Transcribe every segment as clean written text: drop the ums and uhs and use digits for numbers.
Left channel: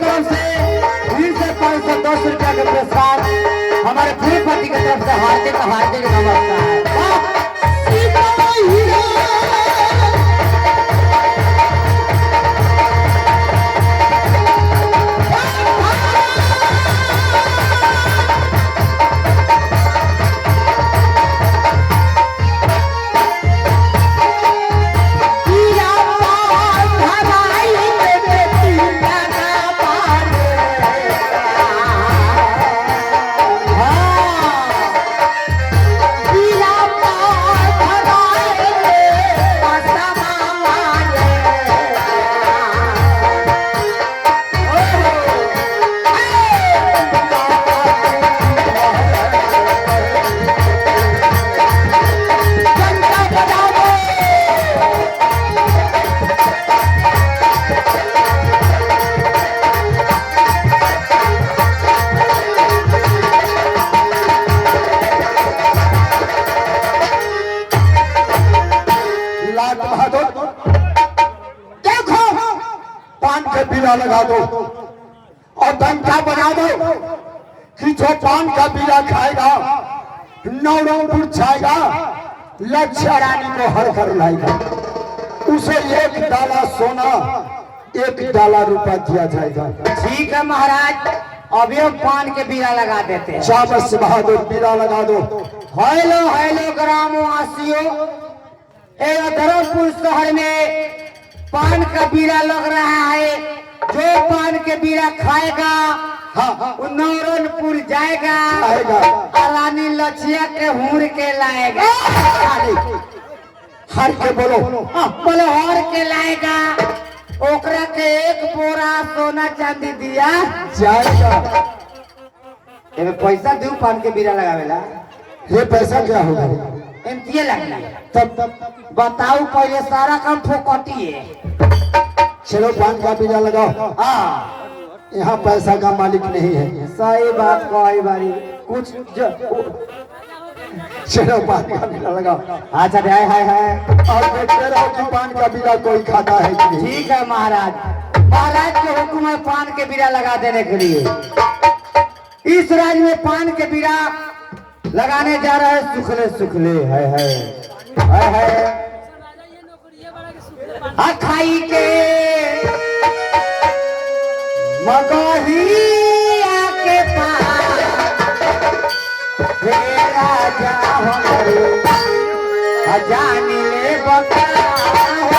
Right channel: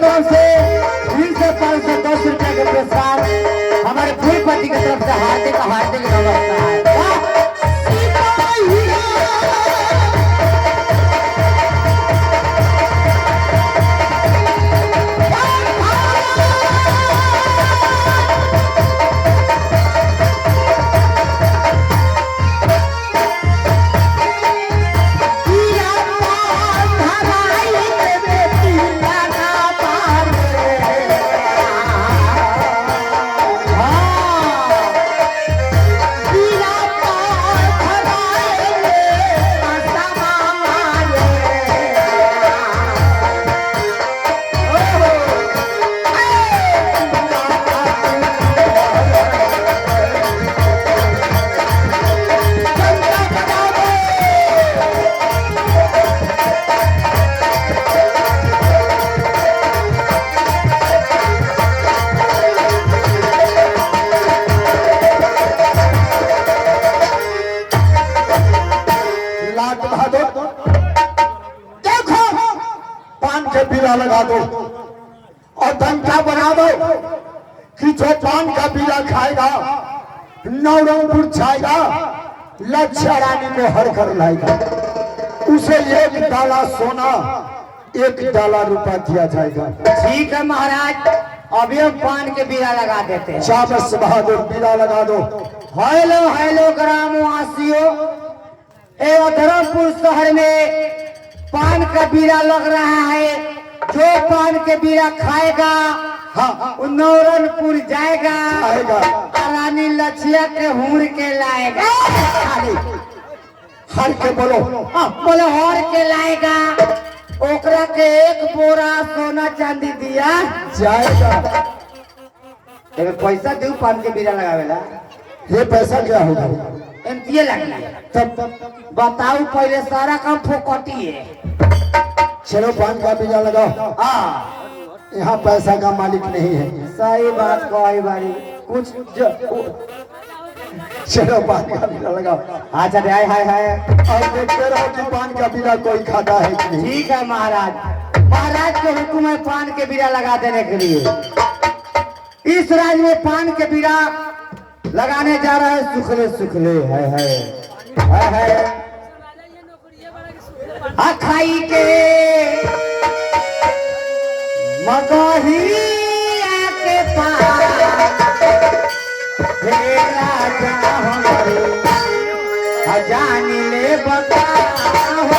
तरफ से फिर से 510 रुपया के पुरस्कार हमारे पूरी पार्टी की तरफ से हार्दिक नमस्कार। लगा दो और डंका बना दो कि जो पान का बीड़ा खाएगा नवरंगपुर छाएगा, लक्ष्य रानी को हर कर लाएगा, उसे 1 डाला सोना 1 डाला रुपया दिया जाएगा। ठीक है महाराज, अभी हम पान के बीड़ा लगा देते हैं। शाबाश बहादुर, बीड़ा लगा दो। हेलो हेलो ग्रामवासियों, धर्मपुर शहर में पान का बीड़ा लग रहा है। जो पान के बीड़ा खाएगा नौरनपुर जाएगा और रानी लक्ष्या के हूर के लाएगा। हर के बोलो बोलो हर के लाएगा, ओकरा के 1 बोरा सोना चांदी दिया जाएगा। पैसा दू पान के बीड़ा लगावेला। ये पैसा क्या होगा? एमतीए लगना। तब बताओ, पहले सारा काम फोकटी है। चलो पान का बीड़ा लगाओ। यहाँ पैसा का मालिक नहीं है। सही बात कही बारी कुछ चलो पान का बीड़ा लगाओ। अच्छा हाय हाय हाय, और देखते रहो कि पान का बीड़ा कोई खाता है कि नहीं। ठीक है महाराज, महाराज के हुक्म है पान के बीड़ा लगा देने के लिए। इस राज में पान के बीड़ा लगाने जा रहा है सुखले सुखले है खाई के मगहिया के पास राजा हमारे जान ले बता हो।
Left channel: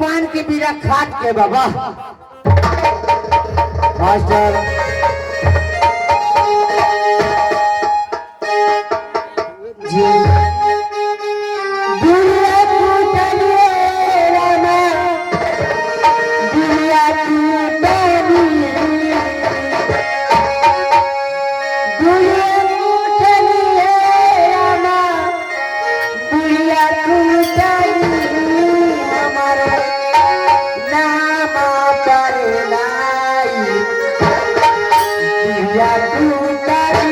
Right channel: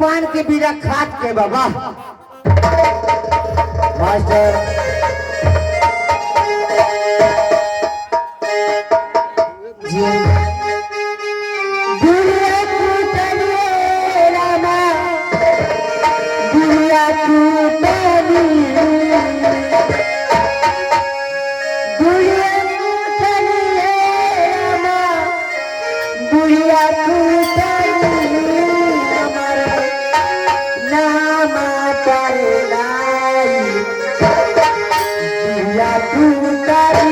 पान के बीड़ा खाट के बाबा मास्टर जी दुनिया टूटने रामा दुनिया टूटनी दुनिया टूटनी रामा दुनिया टूटनी हमारा नाम पर लाई दुनिया टूटनी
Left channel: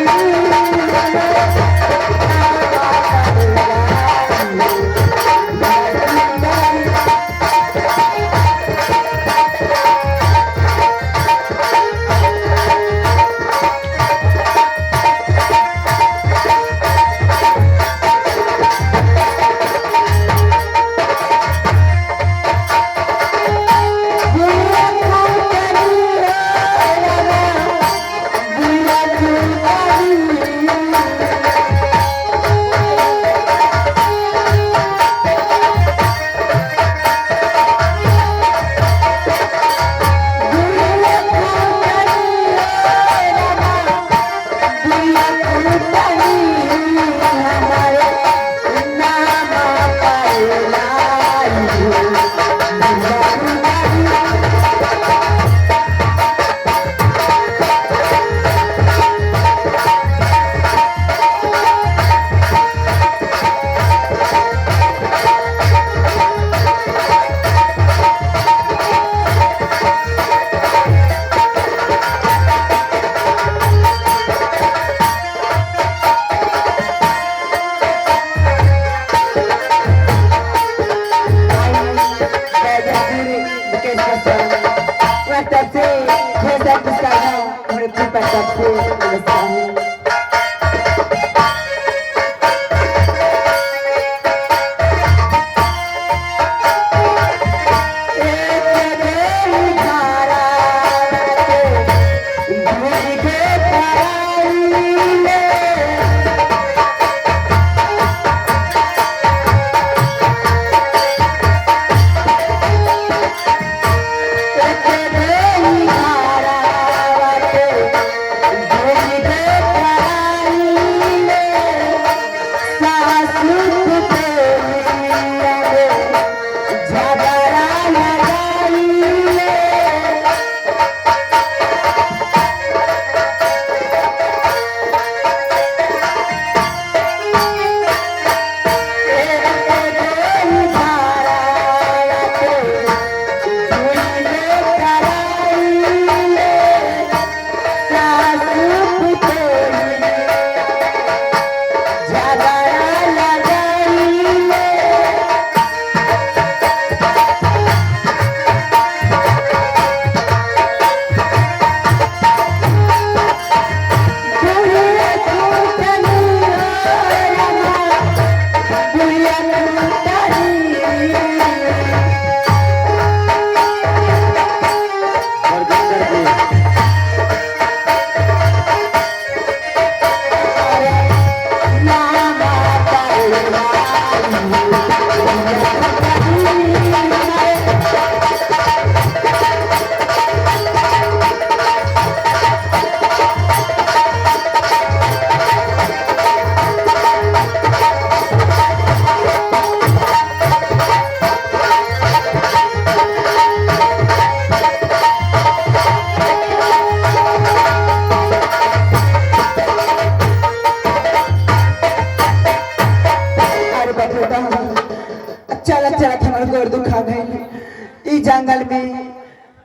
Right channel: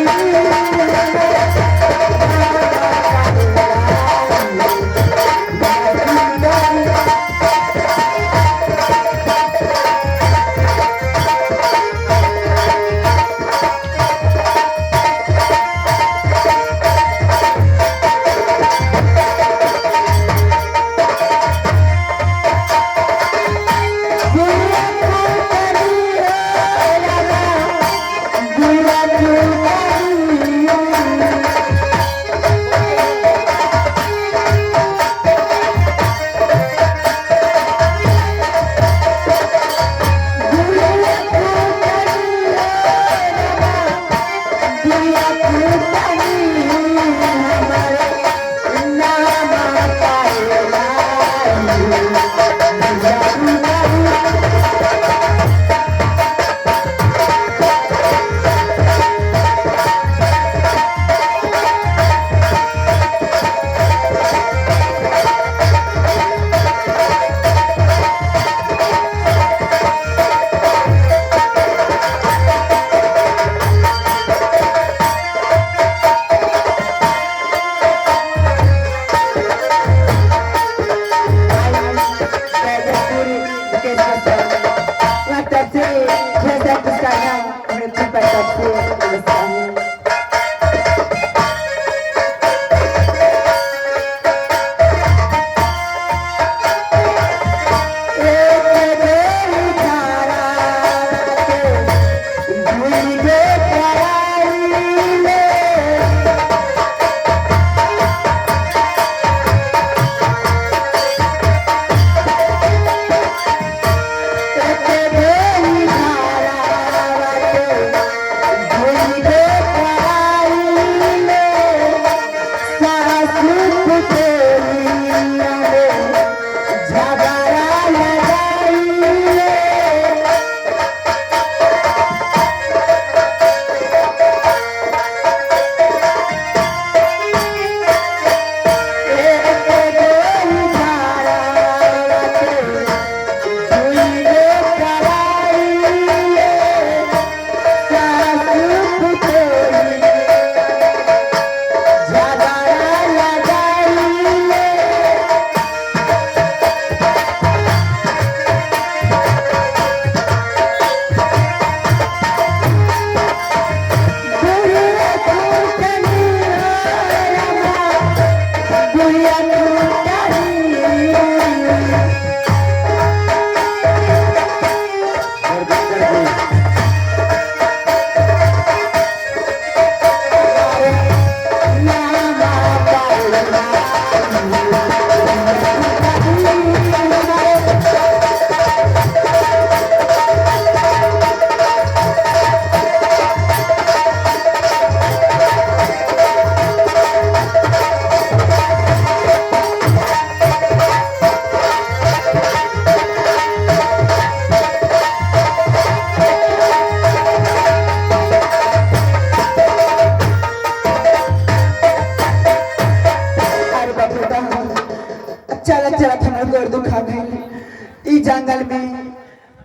जंगल में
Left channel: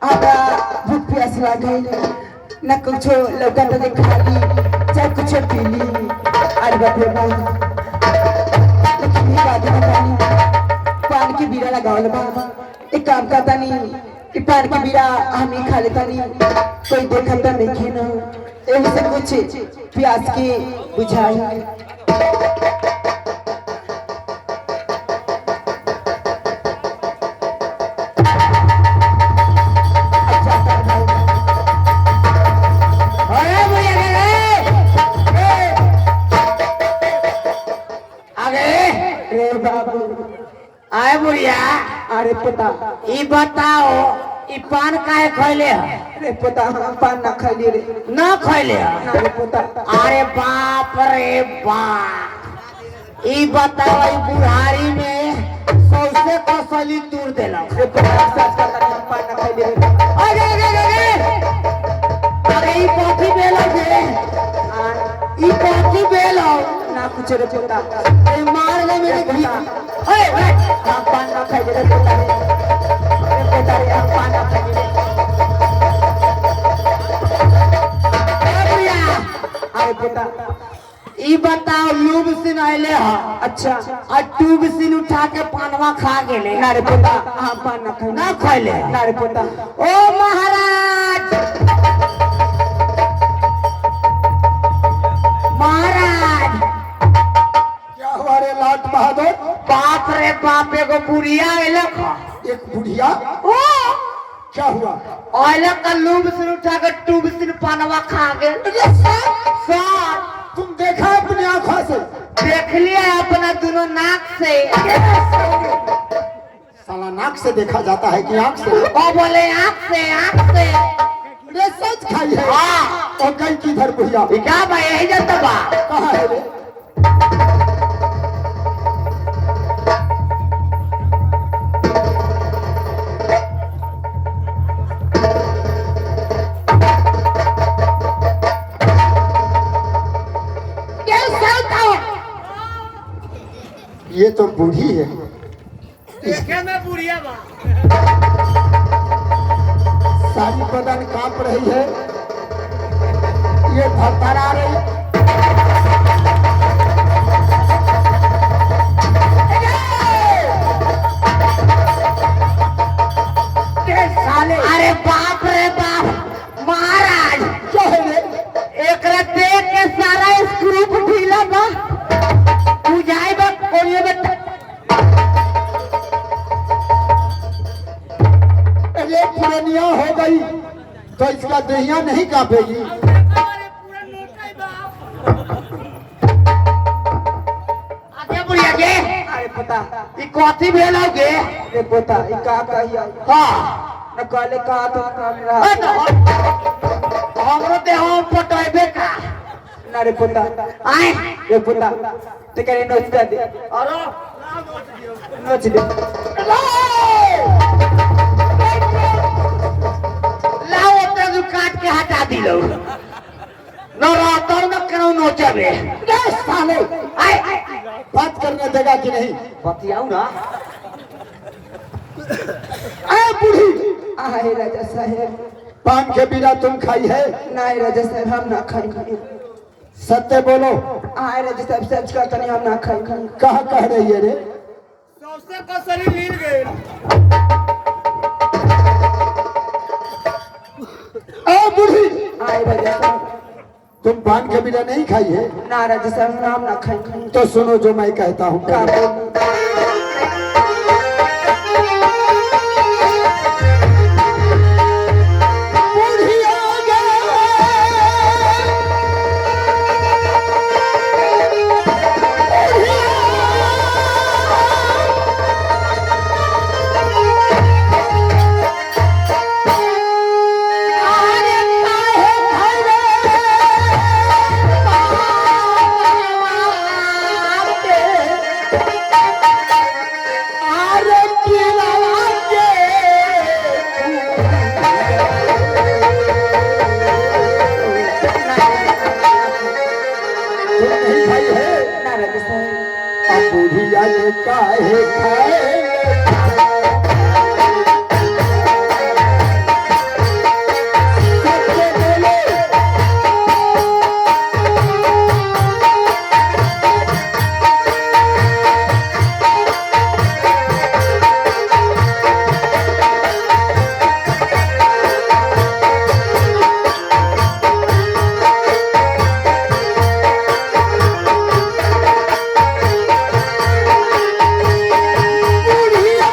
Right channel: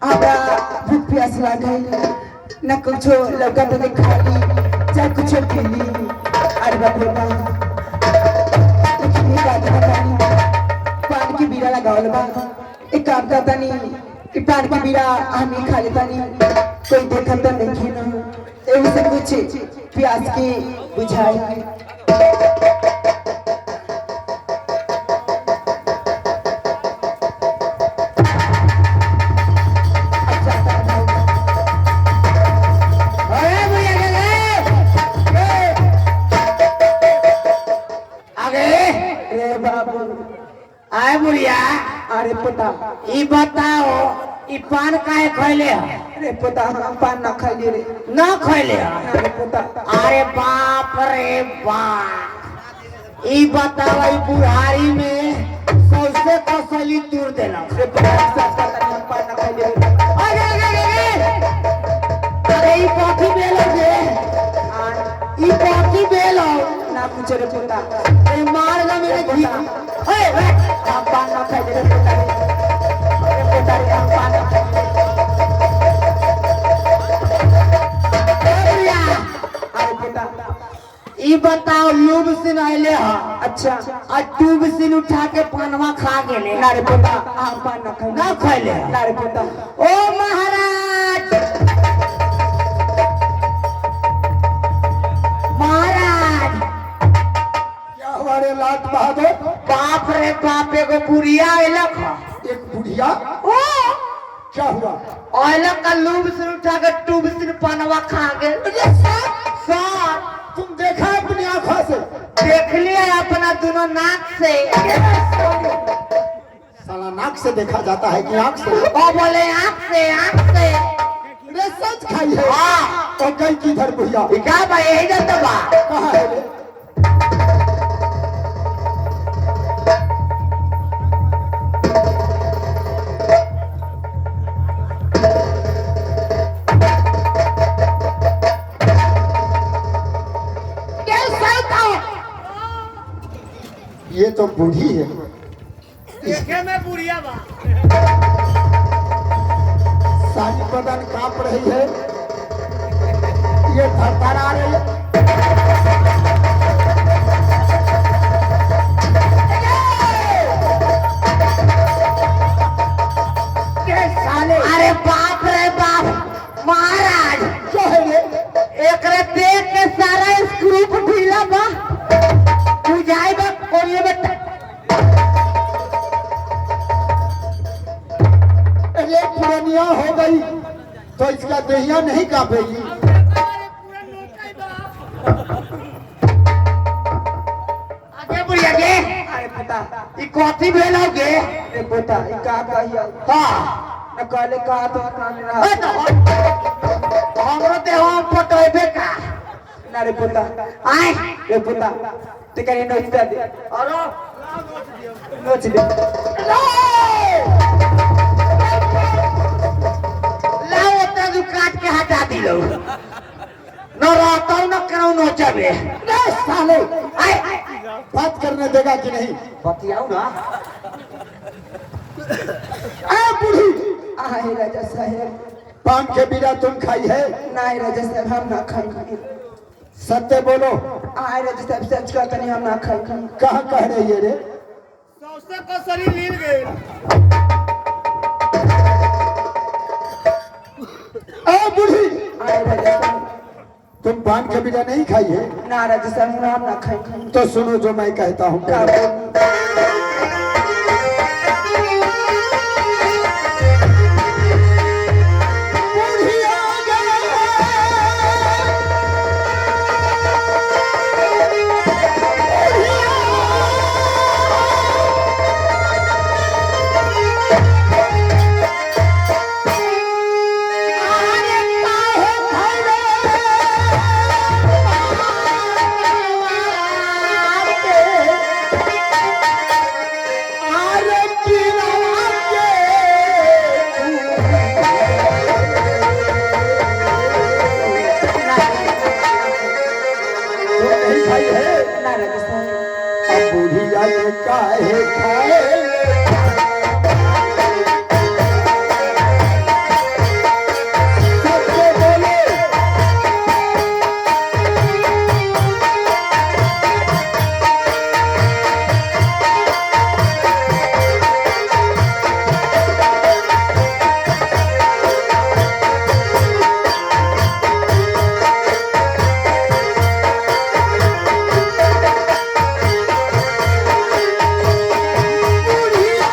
आबा भूख प्यास लागे न कुछ लौका तो खाली चाहे कुछ पीली अरे बाप रे पान की बीड़ा लगावल बा एक काम करता नहीं कि पान की बीड़ा हम ही खा लेता नहीं कोई देखता तो नहीं ना एही से कुछ प्यास की बुझाई आए बुढ़िया अरे पता ई बताओ ई पान काहे खैले है? अरे पता हम पान ना खाइले रे ना खैले है? अरे पता अरे बाप रे बाप, ई बताओ ई बुढ़ारी में सबसे कसली दूर देला। अरे पता सब पता हम पान ना खाइले रे अरे ई कथी बेलो जे? ई कथी बेलो? ना कुछ रे पता ए मार ले मेरे घी। ए हम पान ना खाइले रे पता अरे पता रे हम पान ना खाइले अरे पता ई बताओ लूब सिन आइले हा? अच्छा और ट्यूब सिन उठा के पानवा खा गेले। ना रे पता हम पान ना खाइले ना खैले? ना रे पता ओ महाराज, महाराज क्या हुआ रे लाट बहादुर? बाप रे बाप, एगो बुढ़िया अइलक हा। एक बुढ़िया? ओ क्या हुआ? अइलक का लूब सिन उठा के ट्यूब सिन पानवा खा गेल। सर तुम देखा अपनी आंखों से? देख लिया अपना दोनों नाक से। साला नाक से देखा जाता है कि आंख से? वो बोले आँख से, आँख से। रे सच खाई है? हाँ। और कहीं किधर बुढ़िया? ई क्या भाई यही जाता बा? कहाँ है रे? ये तो बूढ़ी है। देखे में बुढ़िया बा। सारी बदन कांप रही है, ये थरथरा रही है। साले, अरे बाप रे बाप, महाराज क्या है रे? एकरा देख के सारा स्क्रू ढीला बा, बुझाई बा कोरिये में। अरे पुरानिया हो गई तो इसका देहिया नहीं कांपेगी। अरे बुढ़िया के अरे पता ई कथी भेलोगे? अरे पता ई का कहिया हाँ न कहले का तो काम रहा ओ तो हमरो देह पटोइबे का। ना रे पता आए रे पता ते करे नोच दे अरे नोच दे लाओ ओते जो काट के हटा दिलो, न रहतो न करो नोचबे। रे साले, आए बात करने देगा कि नहीं? बतियाओ ना। ए बूढ़ी, आहे राजा साहब पान के बिना तुम खाई है? नहीं राजा साहब हम ना खाई सत्य बोलो। आहे राजा साहब सच कहता नहीं हम ना खाई कहाँ कह रही है रे? सौसे का शरीर हिल गए। ए बूढ़ी, आहे राजा साहब तुम पान के बिना नहीं खाई है? ना राजा साहब हम ना खाई तो सुनो जो मैं कहता हूँ। का बोल बुढ़िया ये काहे खाए? सत्य बोलो। बुढ़िया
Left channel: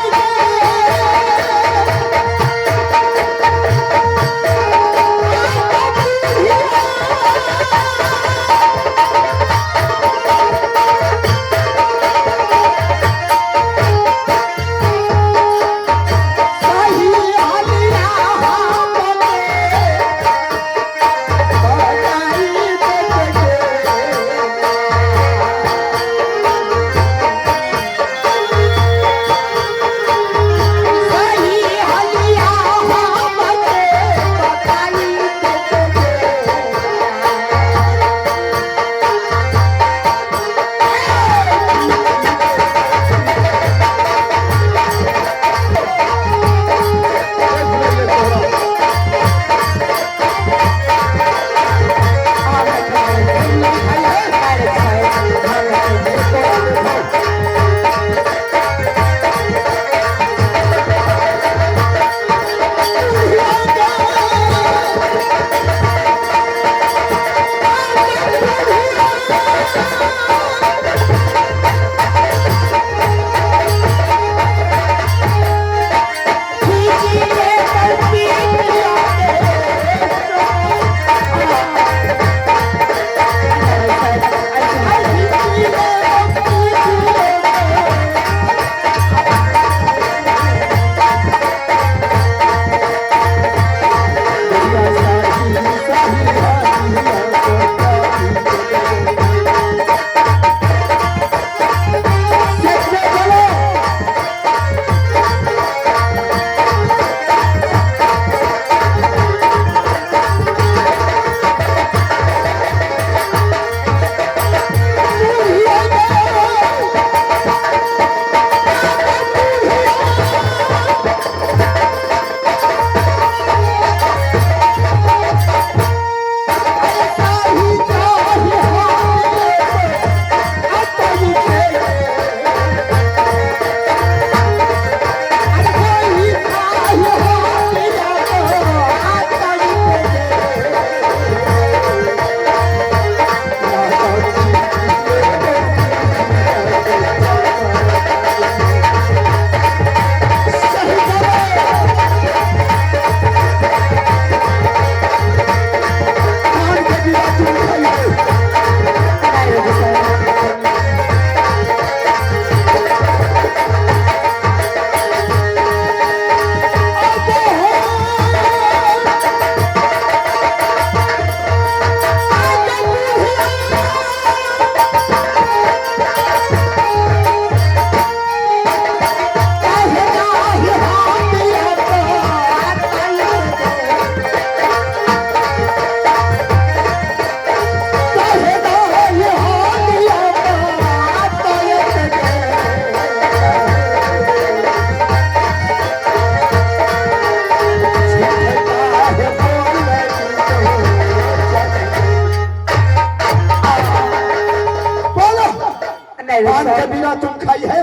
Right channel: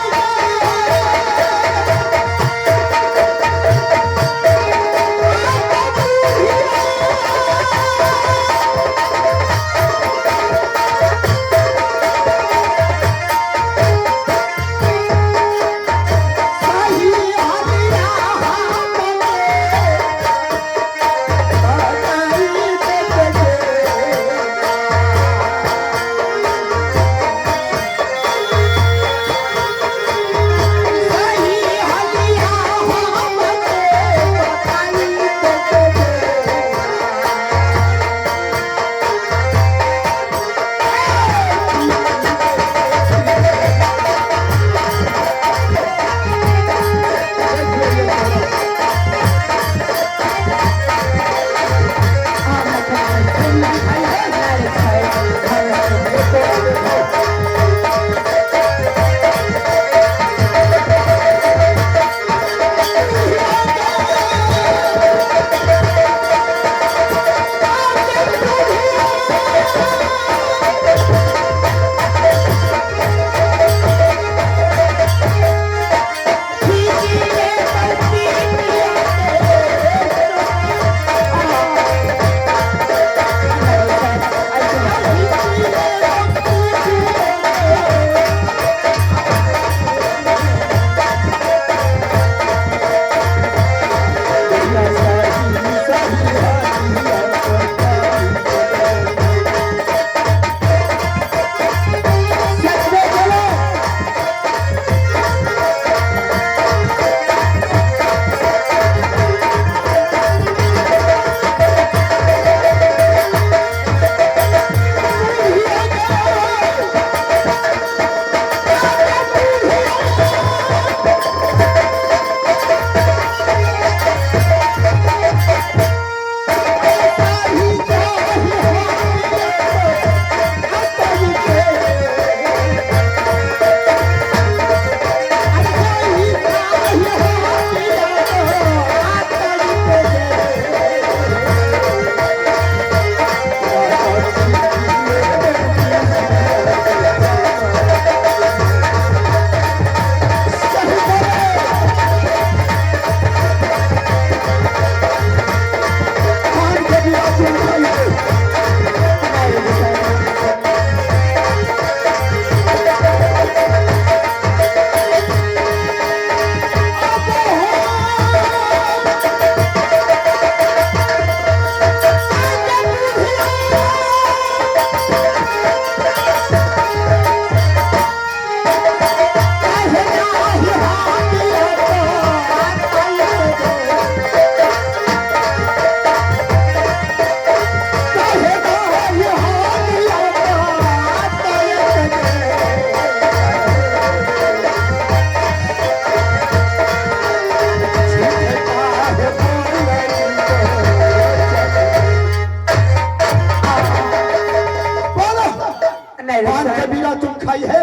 नहीं पान का सर बीड़ा तुम खाई है?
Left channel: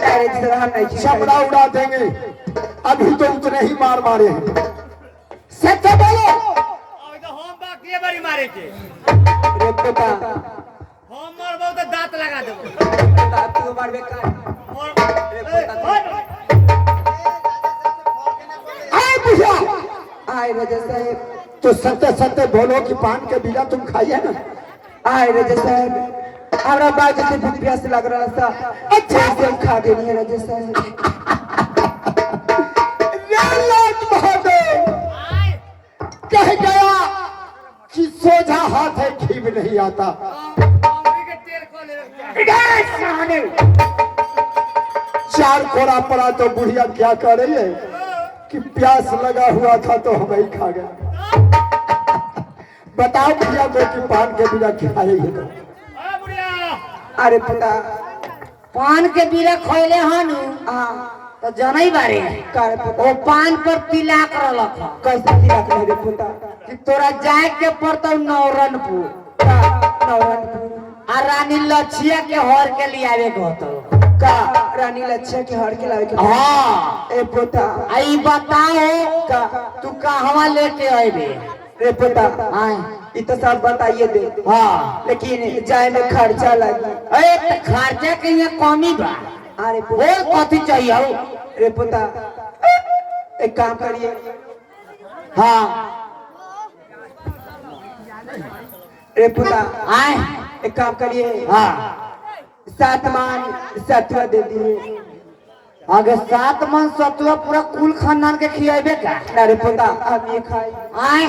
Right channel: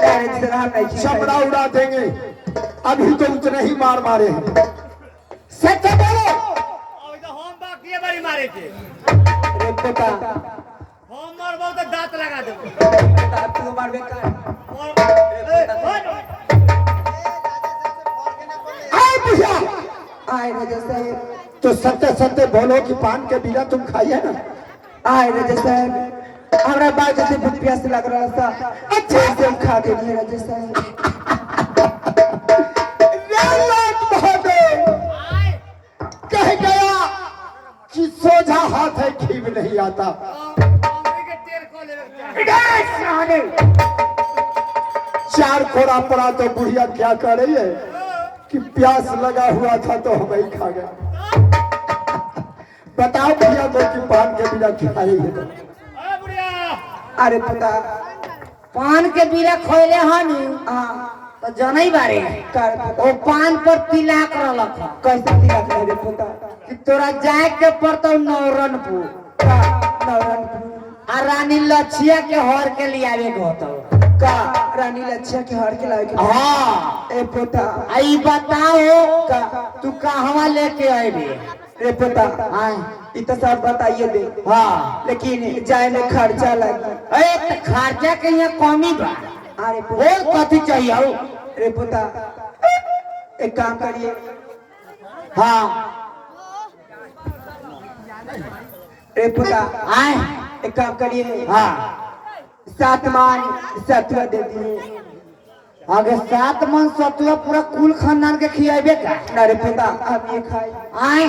नहीं सर हम नहीं खाए। चमड़ा उड़ा देंगे। अभी तो उतने ही मार मारे हैं। सच बोलो। होम बाकी है बड़ी मारे के रे बेटा होम मोर बहुत दांत लगा दे दांत को मार बेकार आए बुढ़िया, आए राजा साहब तो सत्य सत्य बोलो कि पान के बीड़ा तुम खाई है ना? आए राजा साहब हमरा बात से बहुत प्यास लग रहा था। अच्छा से हम खा गए हैं राजा साहब। कह गया कि सोझा हाथ है घीव नहीं आता। के तेल को ले चार कोड़ा पड़ा तो बुढ़िया क्या कर रही है कि प्यास लगा हुआ था तो हम ही खा गए। बताओ भैया को कि पान के बिना खा रही है तो। बुढ़िया अरे बेटा पान के बीड़ा खोले हन हाँ तो जनई बारे कर बेटा ओ पान पर तिलाक रहलक ह। कैसे दिया रे बेटा कि तोरा जाए के पड़तौ नौरनपुर का नौरन आ रानी लछिया के हर के लियावे के होतौ। का रानी लच्छा के हर के लावे के हाँ ए बेटा आई बताओ का तू कहवा लेके अइबे? रे बेटा आय इ तो सब बताइए दे हाँ लेकिन जाए में खर्चा लगी। ए त खर्चा के यहाँ कमी बा। अरे और कथी चाहिए हो? रे बेटा एक काम करिए हाँ रे बेटा आय एक काम करिए हाँ 7 मान 17 दे दिए। अगर 7 मन सतुआ पूरा कुल खानदान के खियाबे का? ना रे बेटा हम ये खाए आय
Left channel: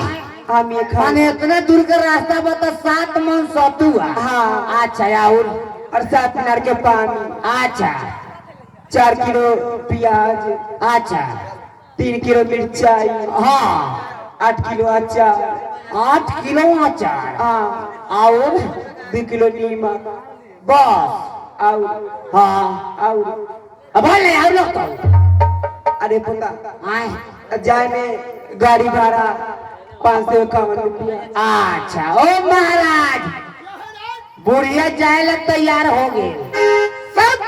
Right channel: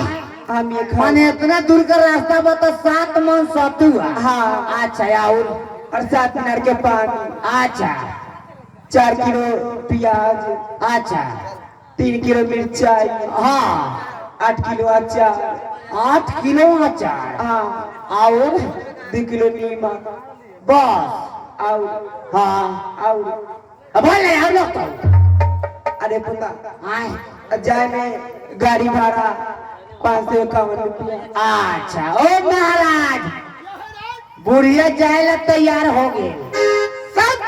हम ये खाए माने इतना दूर का रास्ता बता 7 मन सतुआ। हाँ अच्छा और 7 मिनट के पानी अच्छा 4 किलो प्याज अच्छा 3 किलो मिर्चाई हाँ 8 किलो अचार 8 किलो अचार हाँ और 2 किलो नीमक बस और हाँ और अब बोले और लोग तो अरे बेटा आय जाए में गाड़ी भाड़ा 551 रुपया। अच्छा ओ महाराज बुढ़िया जाए ला तैयार हो गए। सब